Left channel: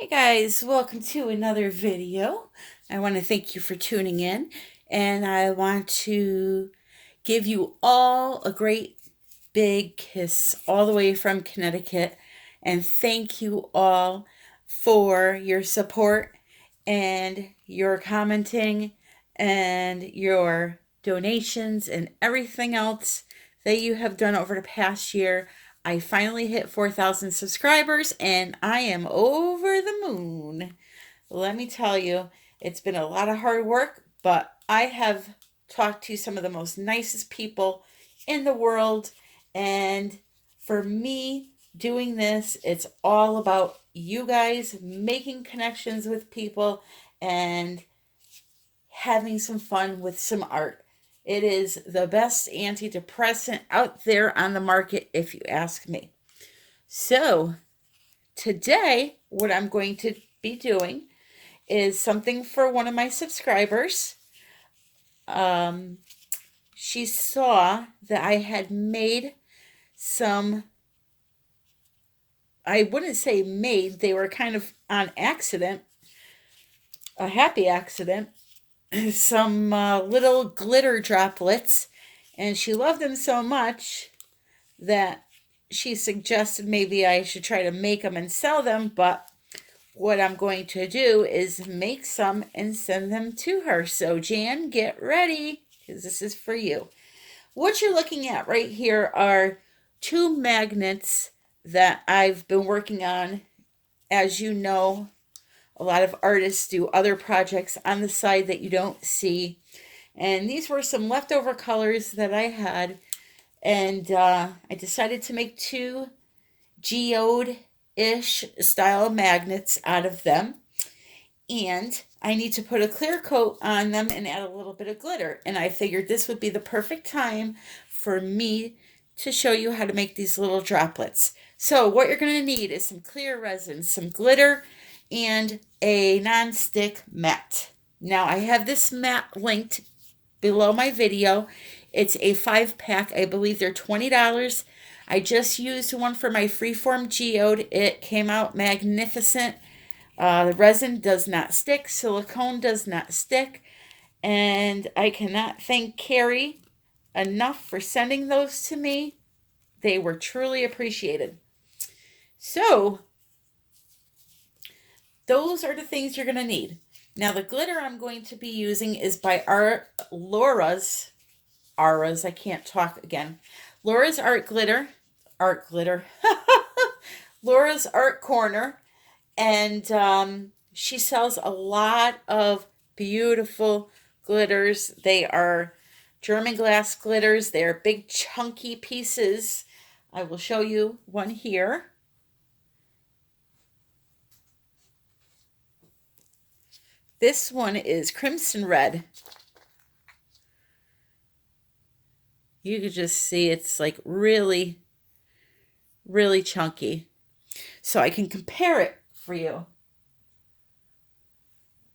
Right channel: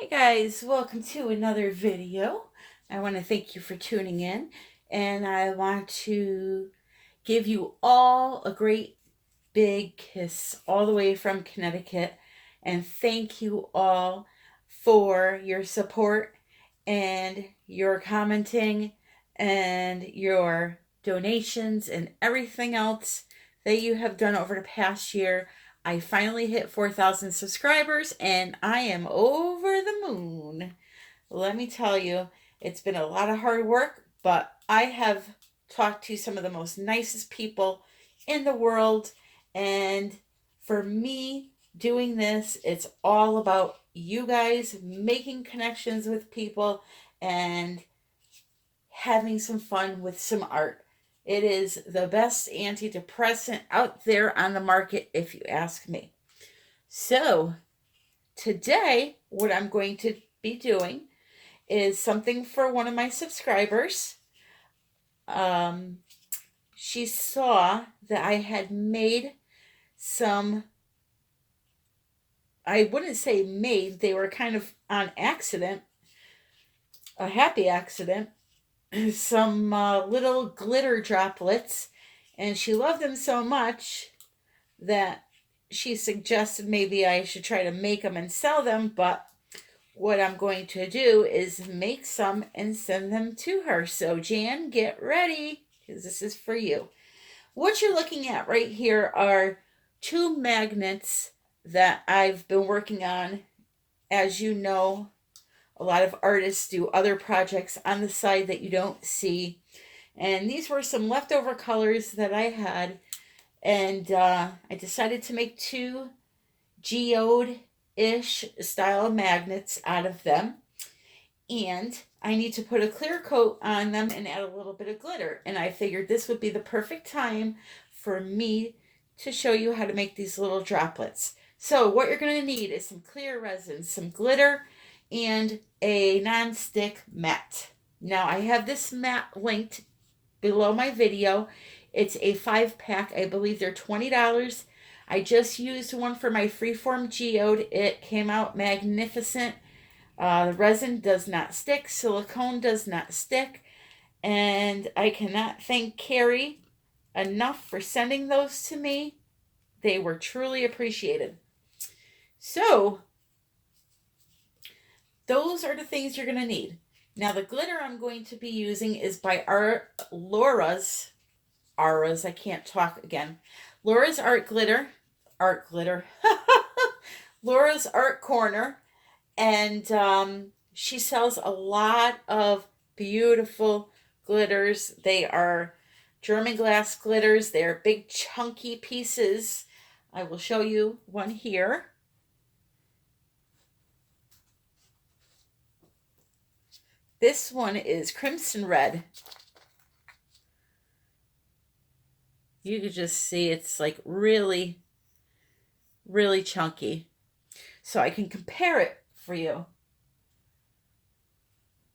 Hey guys, welcome to another video. I want to thank you for tuning in, and I want to give you all a great big kiss all the way from Connecticut, and thank you all for your support and your commenting and your donations and everything else that you have done over the past year. I finally hit 4,000 subscribers and I am over the moon. Let me tell you, it's been a lot of hard work, but I have talked to some of the most nicest people in the world. And for me, doing this, it's all about you guys making connections with people and having some fun with some art. It is the best antidepressant out there on the market, if you ask me. So, today, what I'm going to be doing is something for one of my subscribers. She saw that I had made some, I wouldn't say made, they were kind of on accident, a happy accident, some little glitter droplets, and she loved them so much that she suggested maybe I should try to make them and sell them. But what I'm going to do is make some and send them to her. So Jan, get ready, because this is for you. What you're looking at right here are two magnets that I've been working on. As you know, a lot of artists do other projects on the side that you don't see. And these were some leftover colors that I had. And I decided to make two Geode-ish style magnets out of them. And I need to put a clear coat on them and add a little bit of glitter. And I figured this would be the perfect time for me to show you how to make these little droplets. So what you're going to need is some clear resin, some glitter, and a non-stick mat. Now I have this mat linked below my video. It's a 5-pack. I believe they're $20. I just used one for my Freeform Geode. It came out magnificent. Resin does not stick. Silicone does not stick. And I cannot thank Carrie enough for sending those to me. They were truly appreciated. So, those are the things you're going to need. Now, the glitter I'm going to be using is by Laura's, I can't talk again. Laura's Art Glitter, Laura's Art Corner, and she sells a lot of beautiful glitters. They are German glass glitters. They are big chunky pieces. I will show you one here. This one is crimson red. You can just see it's like really, really chunky. So I can compare it for you.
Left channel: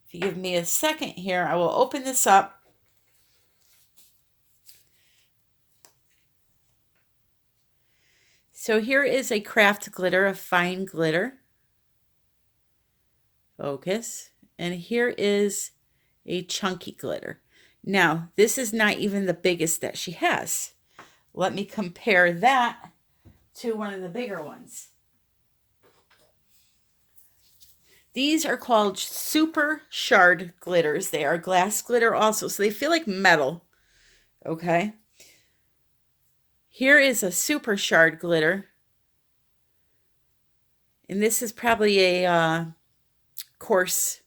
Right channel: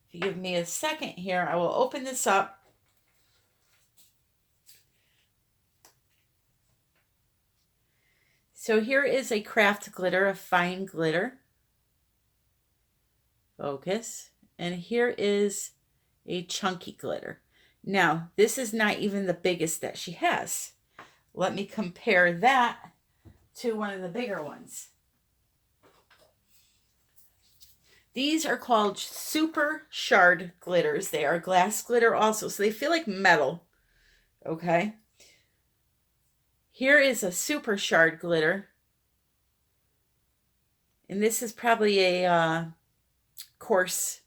If you give me a second here, I will open this up. So here is a craft glitter, a fine glitter. Focus. And here is a chunky glitter. Now, this is not even the biggest that she has. Let me compare that to one of the bigger ones. These are called super shard glitters. They are glass glitter also, so they feel like metal. Okay. Here is a super shard glitter. And this is probably a coarse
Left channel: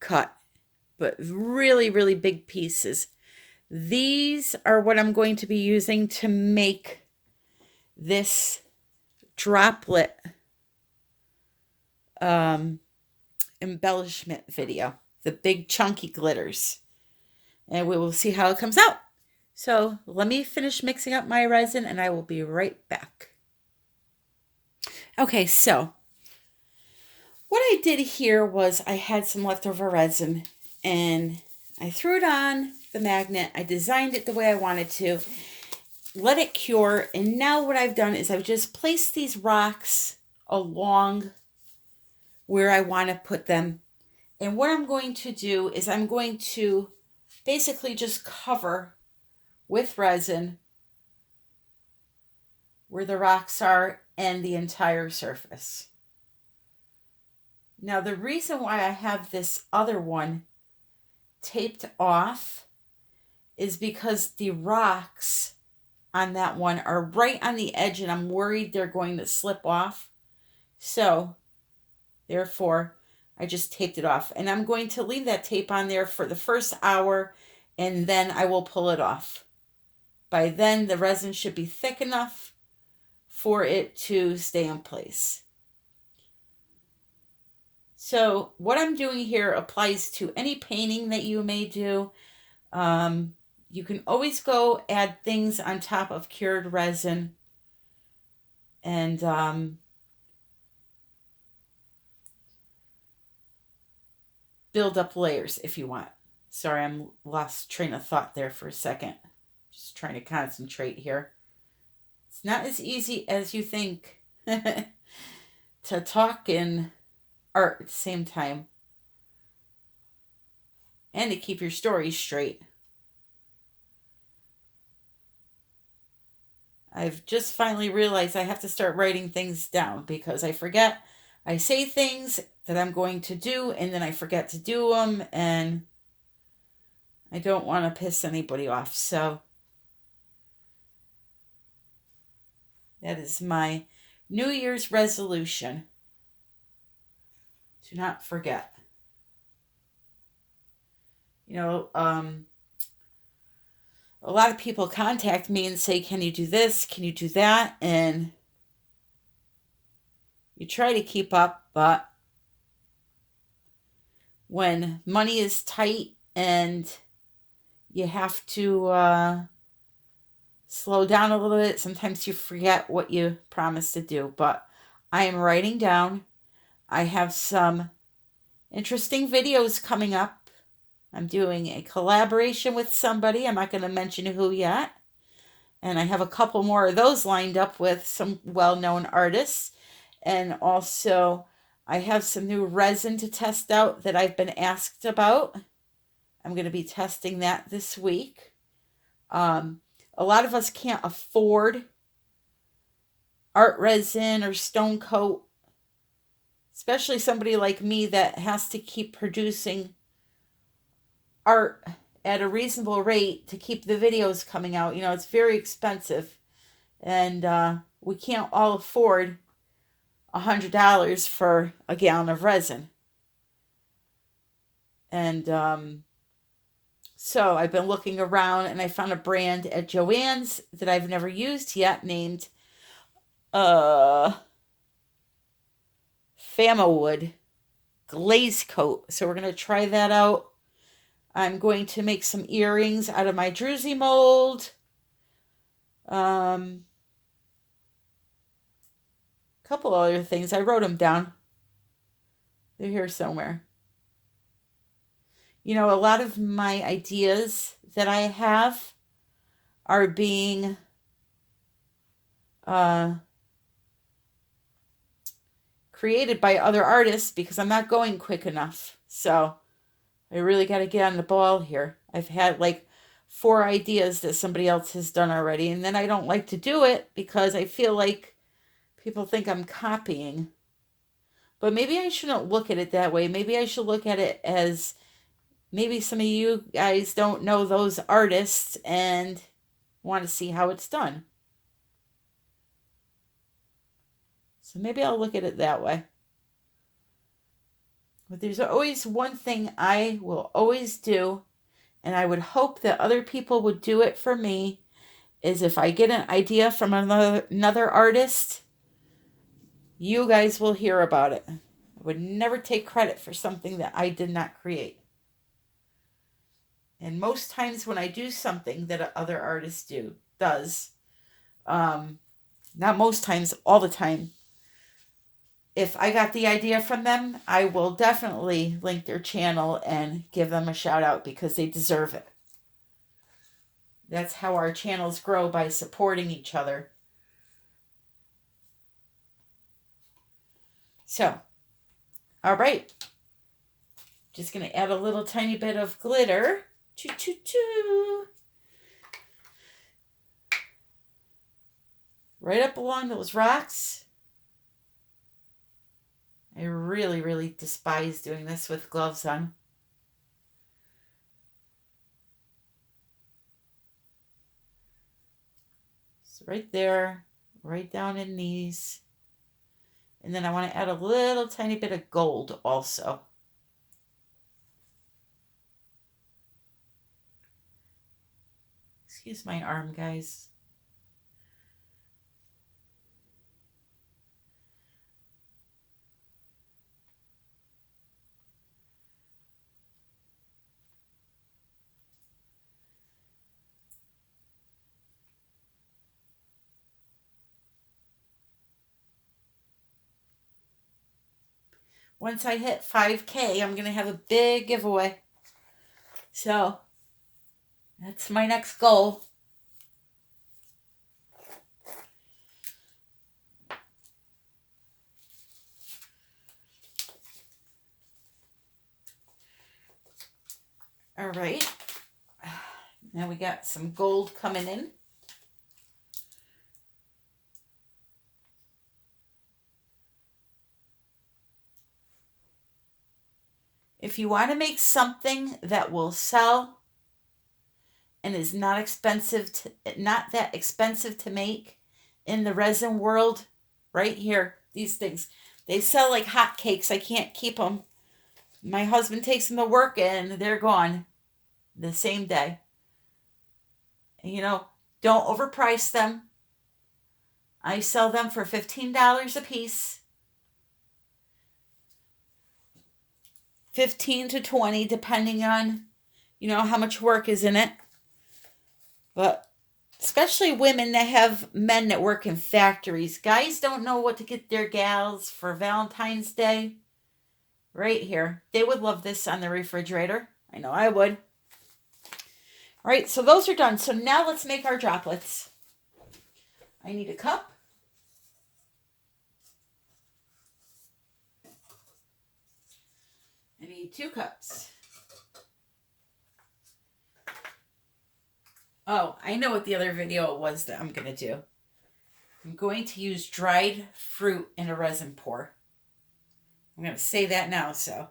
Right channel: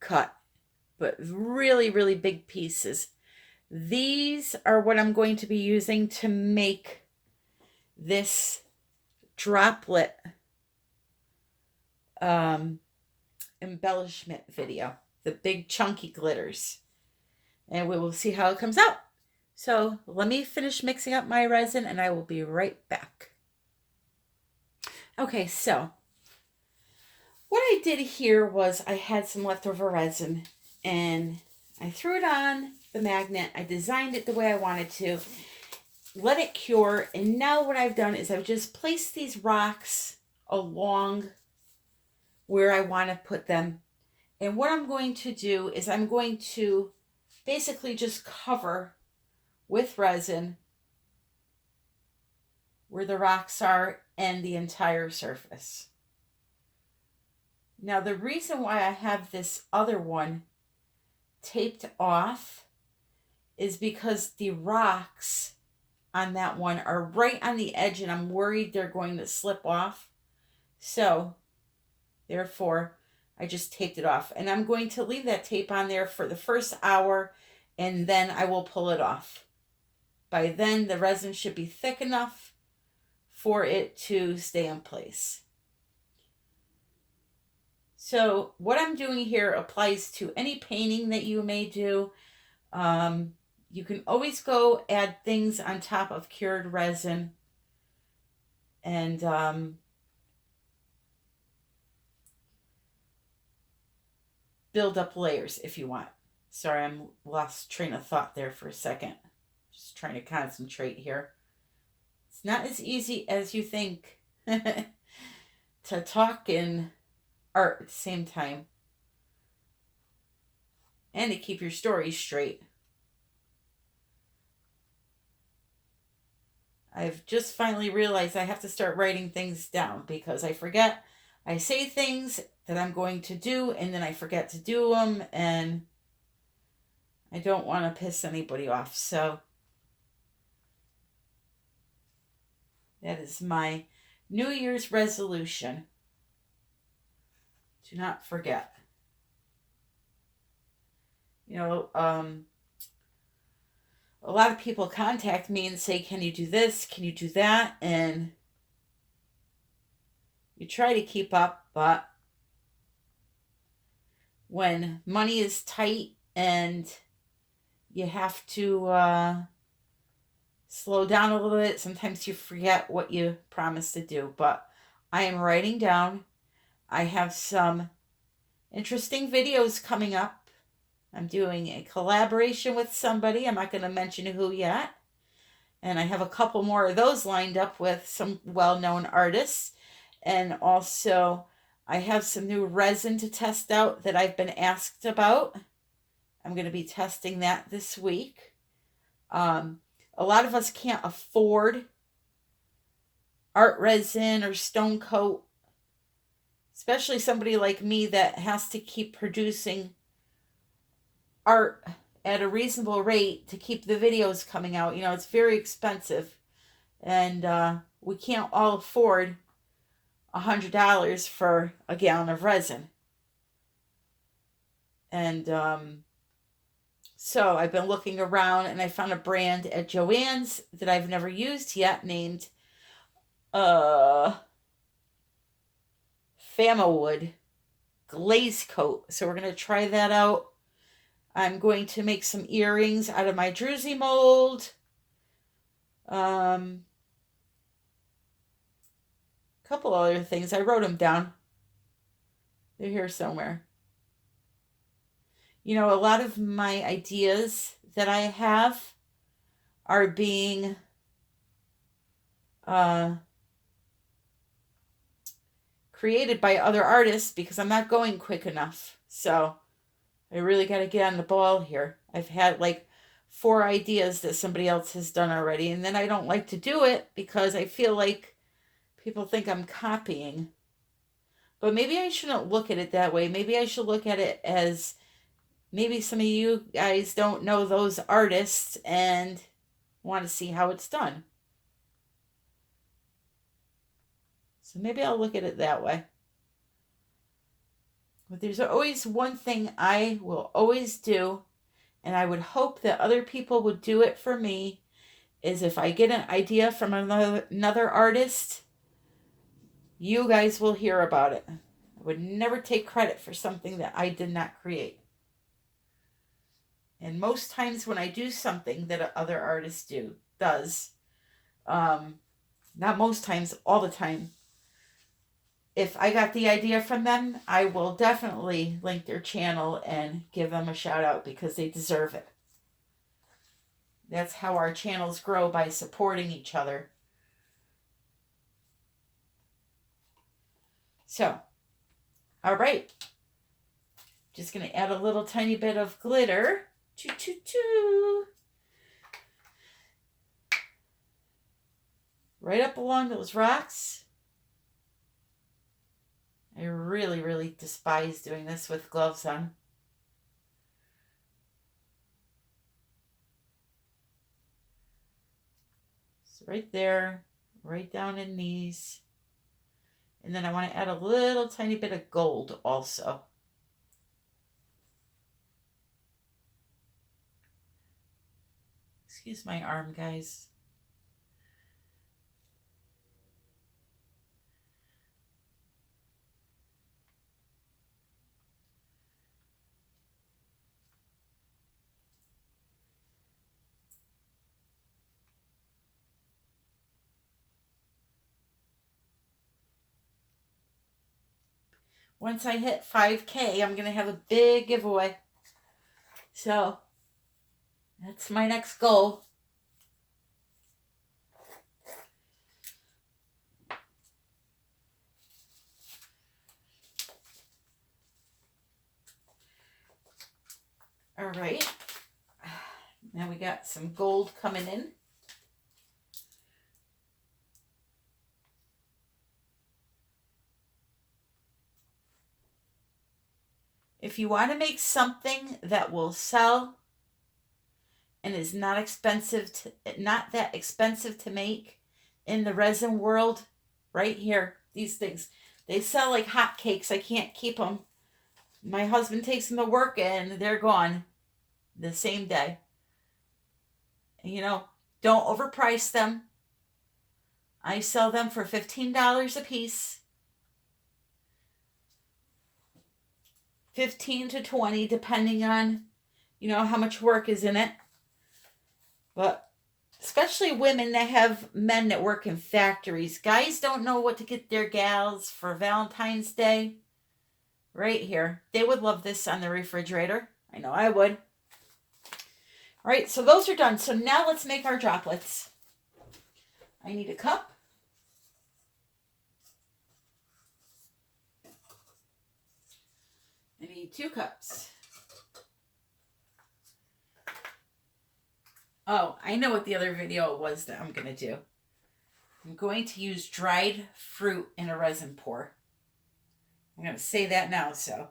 cut, but really, really big pieces. These are what I'm going to be using to make this droplet embellishment video, the big chunky glitters. And we will see how it comes out. So let me finish mixing up my resin and I will be right back. Okay, so what I did here was I had some leftover resin and I threw it on the magnet. I designed it the way I wanted to, let it cure, and now what I've done is I've just placed these rocks along where I want to put them. And what I'm going to do is I'm going to basically just cover with resin where the rocks are and the entire surface. Now, the reason why I have this other one taped off is because the rocks on that one are right on the edge and I'm worried they're going to slip off. So, therefore, I just taped it off. And I'm going to leave that tape on there for the first hour and then I will pull it off. By then, the resin should be thick enough for it to stay in place. So what I'm doing here applies to any painting that you may do. You can always go add things on top of cured resin and build up layers if you want. Sorry, I'm lost train of thought there for a second. Just trying to concentrate here. It's not as easy as you think to talk and art at the same time and to keep your story straight. I've just finally realized I have to start writing things down because I forget. I say things that I'm going to do and then I forget to do them and I don't want to piss anybody off. So that is my New Year's resolution. Do not forget. You know, a lot of people contact me and say, can you do this? Can you do that? And you try to keep up, but when money is tight and you have to slow down a little bit, sometimes you forget what you promised to do. But I am writing down. I have some interesting videos coming up. I'm doing a collaboration with somebody. I'm not going to mention who yet. And I have a couple more of those lined up with some well-known artists. And also, I have some new resin to test out that I've been asked about. I'm going to be testing that this week. A lot of us can't afford art resin or stone coat, especially somebody like me that has to keep producing art at a reasonable rate to keep the videos coming out. You know, it's very expensive and we can't all afford $100 for a gallon of resin. And so I've been looking around and I found a brand at Joann's that I've never used yet named Famawood Glaze Coat. So we're going to try that out. I'm going to make some earrings out of my druzy mold. A couple other things. I wrote them down. They're here somewhere. You know, a lot of my ideas that I have are being created by other artists because I'm not going quick enough. So I really got to get on the ball here. I've had like 4 ideas that somebody else has done already, and then I don't like to do it because I feel like people think I'm copying. But maybe I shouldn't look at it that way. Maybe I should look at it as maybe some of you guys don't know those artists and want to see how it's done. So maybe I'll look at it that way. But there's always one thing I will always do, and I would hope that other people would do it for me, is if I get an idea from another artist, you guys will hear about it. I would never take credit for something that I did not create. And most times when I do something that other artist does, not most times, all the time, if I got the idea from them, I will definitely link their channel and give them a shout out because they deserve it. That's how our channels grow, by supporting each other. So, All right. Just going to add a little tiny bit of glitter. Choo, choo, choo. Right up along those rocks. I really, really despise doing this with gloves on. So right there, right down in these. And then I want to add a little tiny bit of gold also. Excuse my arm, guys. Once I hit 5K, I'm going to have a big giveaway. So, that's my next goal. All right. Now we got some gold coming in. If you want to make something that will sell and is not that expensive to make in the resin world, right here, these things, they sell like hotcakes. I can't keep them. My husband takes them to work and they're gone the same day. You know, don't overprice them. I sell them for $15 a piece. 15 to 20 depending on, you know, how much work is in it. But especially women that have men that work in factories. Guys don't know what to get their gals for Valentine's Day. Right here. They would love this on the refrigerator. I know I would. All right, so those are done. So now let's make our droplets. I need a cup. I need 2 cups. Oh, I know what the other video was that I'm going to do. I'm going to use dried fruit in a resin pour. I'm going to say that now so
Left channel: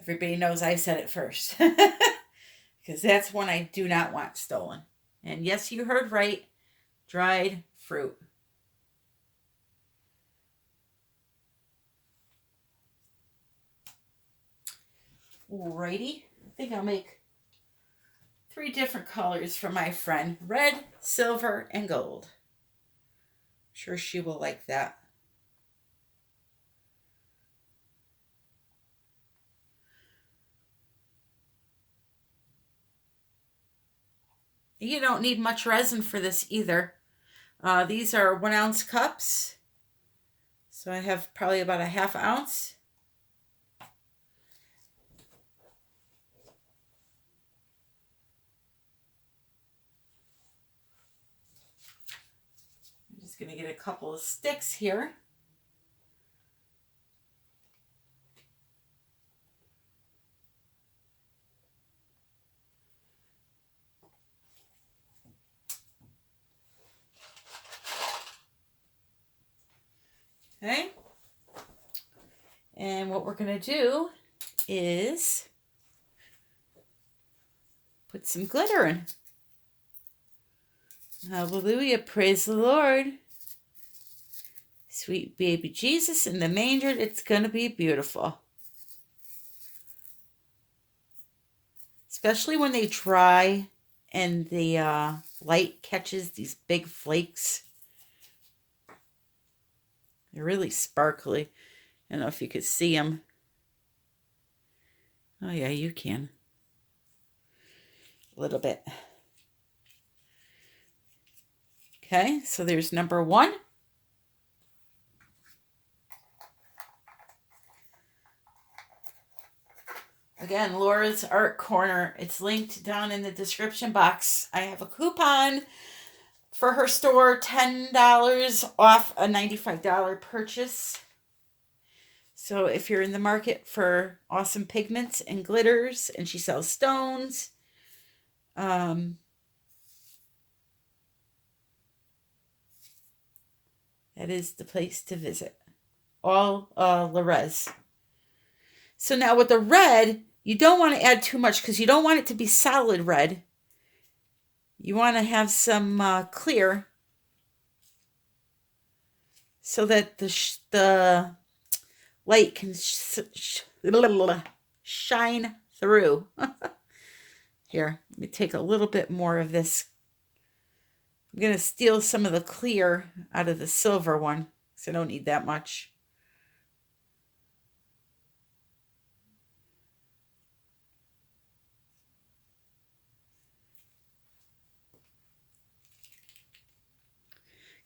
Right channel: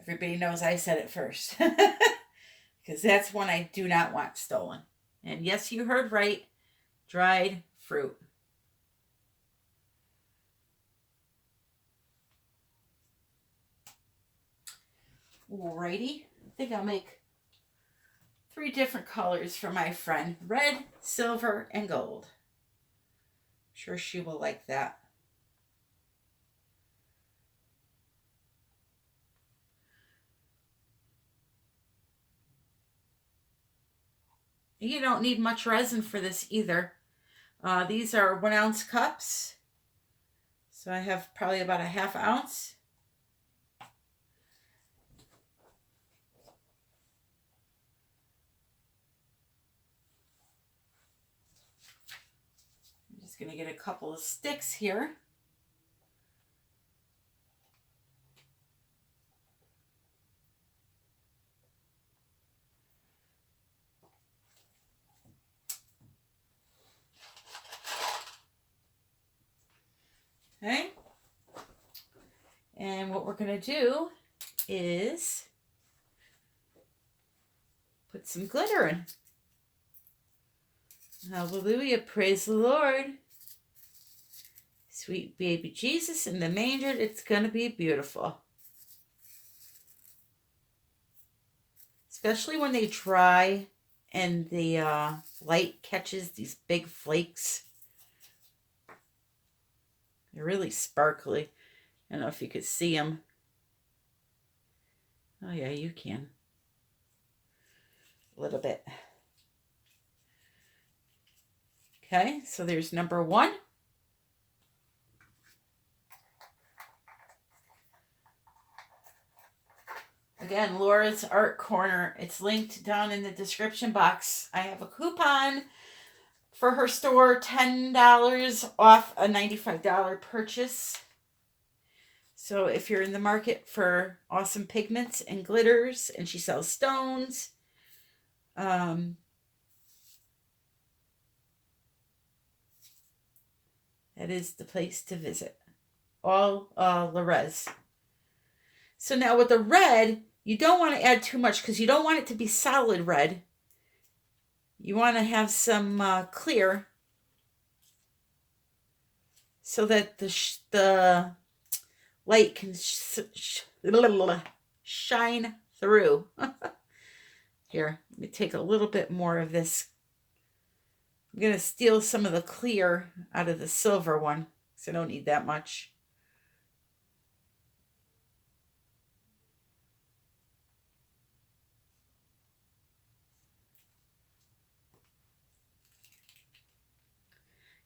everybody knows I said it first. Because that's one I do not want stolen. And yes, you heard right. Dried fruit. Alrighty. I think I'll make 3 different colors for my friend. Red, silver, and gold. I'm sure she will like that. You don't need much resin for this either. These are 1 ounce cups. So I have probably about a ½ ounce. I'm just going to get a couple of sticks here. Okay. And what we're going to do is put some glitter in. Hallelujah. Praise the Lord. Sweet baby Jesus in the manger. It's going to be beautiful. Especially when they dry and the light catches these big flakes. They're really sparkly. I don't know if you could see them. Oh yeah, you can. A little bit. Okay, so there's number 1. Again, Laura's Art Corner. It's linked down in the description box. I have a coupon for her store, $10 off a $95 purchase. So if you're in the market for awesome pigments and glitters, and she sells stones, that is the place to visit. All Rez. So now with the red, you don't want to add too much because you don't want it to be solid red. You want to have some clear so that the light can shine through. Here, let me take a little bit more of this. I'm going to steal some of the clear out of the silver one, so I don't need that much.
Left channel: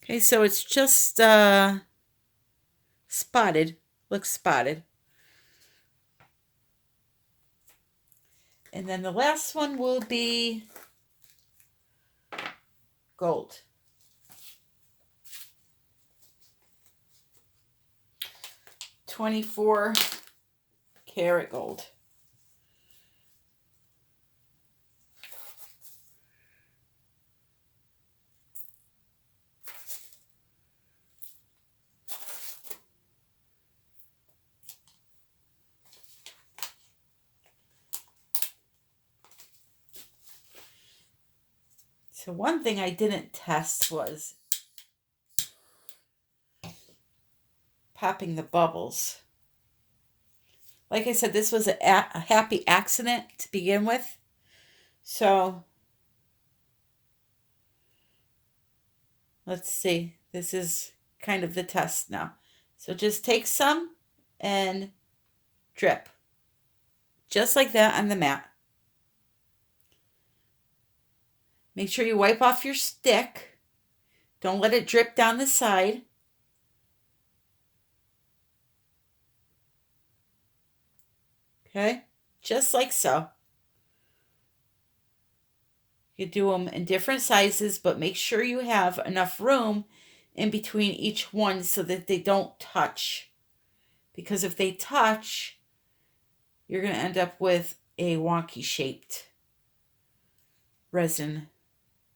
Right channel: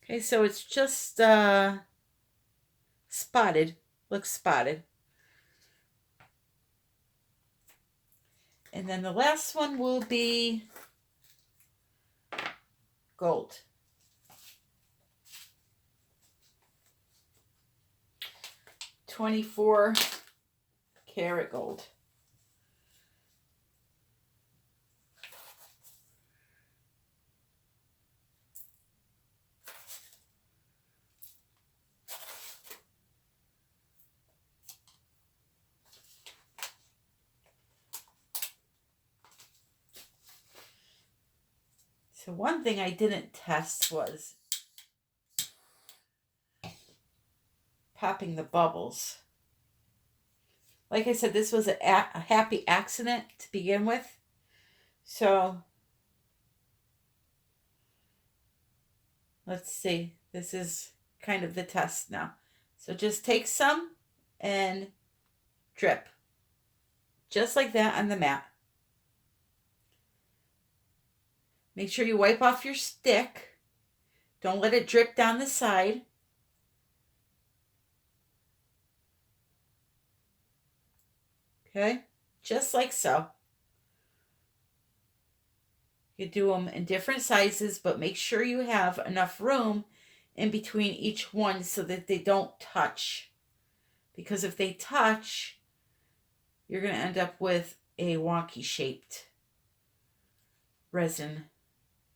Okay, so it's just spotted. Looks spotted. And then the last one will be gold. $24 gold. So one thing I didn't test was popping the bubbles. Like I said, this was a happy accident to begin with. So let's see. This is kind of the test now. So just take some and drip. Just like that on the mat. Make sure you wipe off your stick. Don't let it drip down the side. Okay, just like so. You do them in different sizes, but make sure you have enough room in between each one so that they don't touch. Because if they touch, you're going to end up with a wonky shaped resin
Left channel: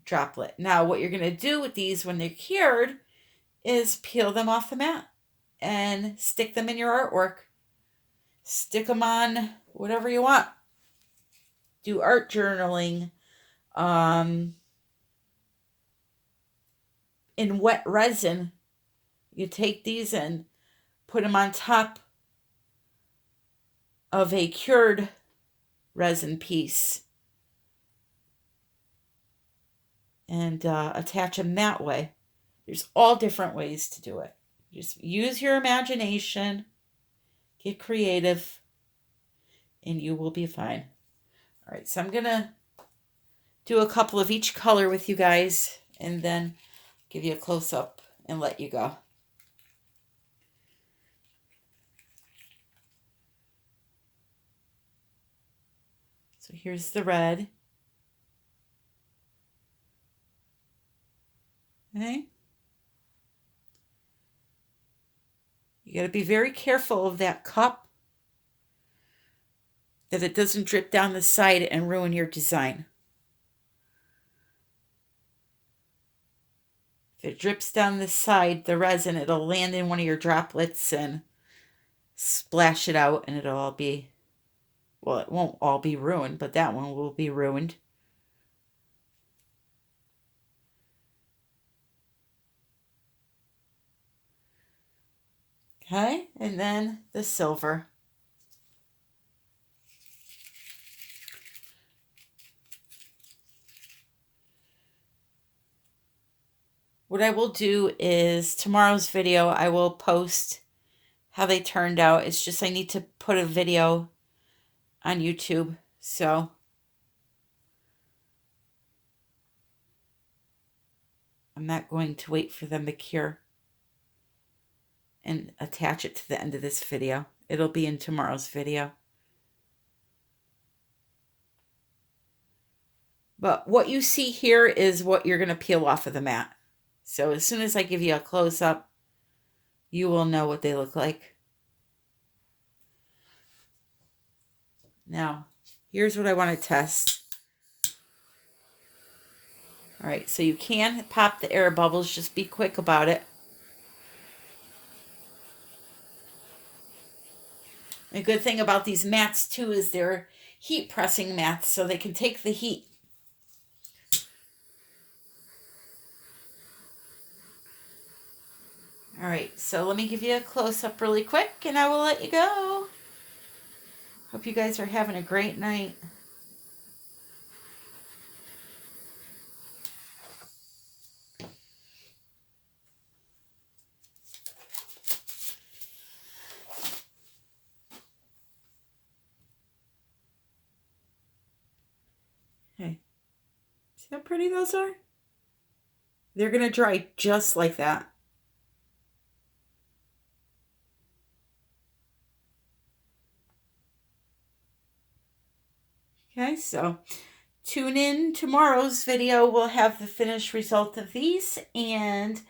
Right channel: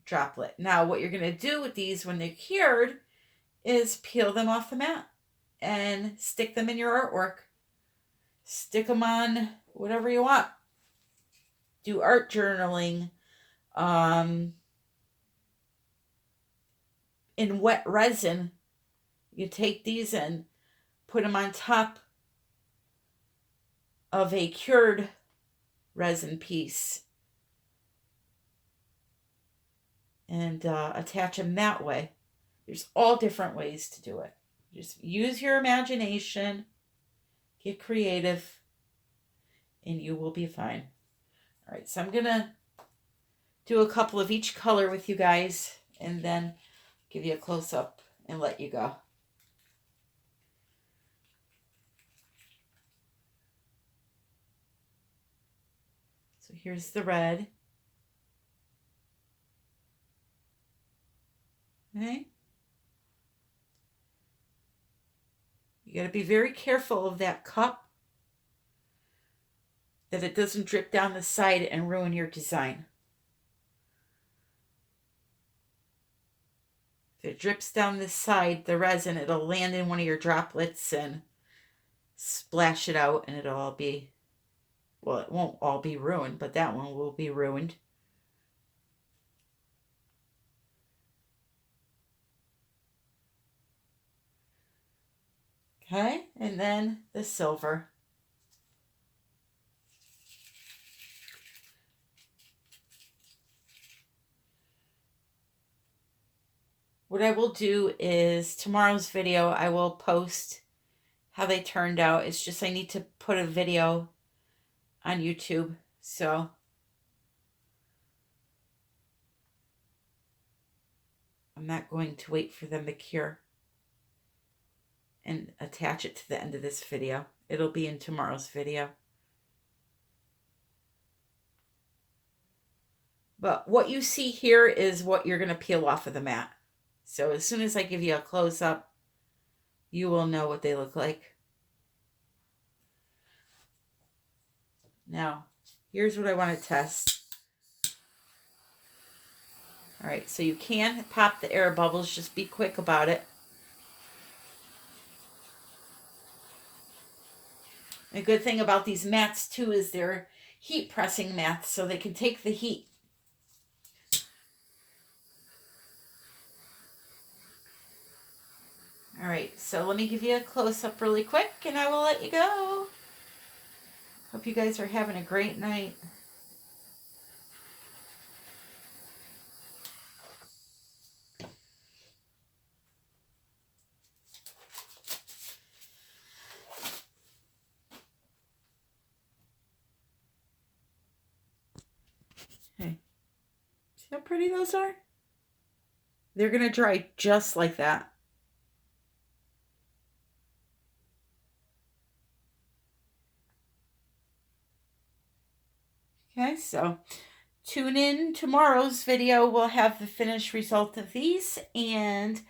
droplet. Now, what you're going to do with these when they're cured is peel them off the mat and stick them in your artwork. Stick them on whatever you want. Do art journaling. In wet resin, you take these and put them on top of a cured resin piece and attach them that way. There's all different ways to do it. Just use your imagination, get creative, and you will be fine. All right, so I'm going to do a couple of each color with you guys and then give you a close-up and let you go. So here's the red. Okay. You got to be very careful of that cup, that it doesn't drip down the side and ruin your design. If it drips down the side, the resin, it'll land in one of your droplets and splash it out, and it'll all be, well, it won't all be ruined, but that one will be ruined. Okay, and then the silver. What I will do is tomorrow's video, I will post how they turned out. It's just I need to put a video on YouTube. So I'm not going to wait for them to cure and attach it to the end of this video. It'll be in tomorrow's video. But what you see here is what you're going to peel off of the mat. So as soon as I give you a close-up, you will know what they look like. Now, here's what I want to test. All right, so you can pop the air bubbles. Just be quick about it. A good thing about these mats, too, is they're heat pressing mats, so they can take the heat. All right, so let me give you a close-up really quick, and I will let you go. Hope you guys are having a great night. Hey, see how pretty those are? They're going to dry just like that. Okay, so tune in tomorrow's video. We'll have the finished result of these, and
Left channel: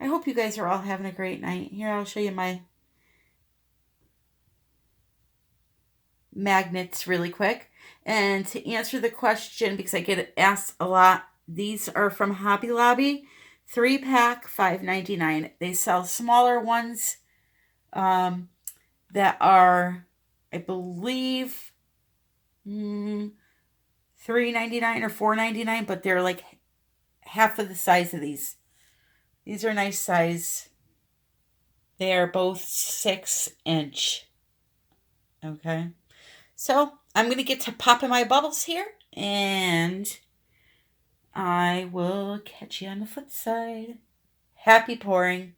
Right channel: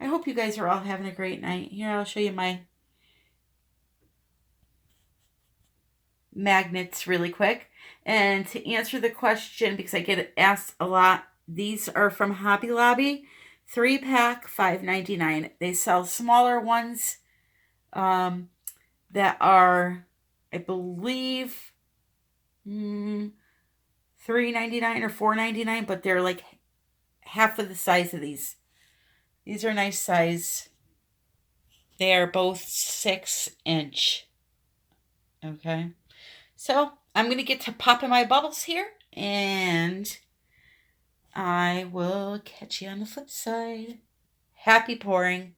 I hope you guys are all having a great night. Here, I'll show you my magnets really quick. And to answer the question, because I get asked a lot, these are from Hobby Lobby, 3-pack, $5.99. They sell smaller ones that are, I believe, $3.99 or $4.99, but they're like half of the size of these. These are nice size. They are both 6-inch. Okay. So I'm going to get to popping my bubbles here, and I will catch you on the flip side. Happy pouring.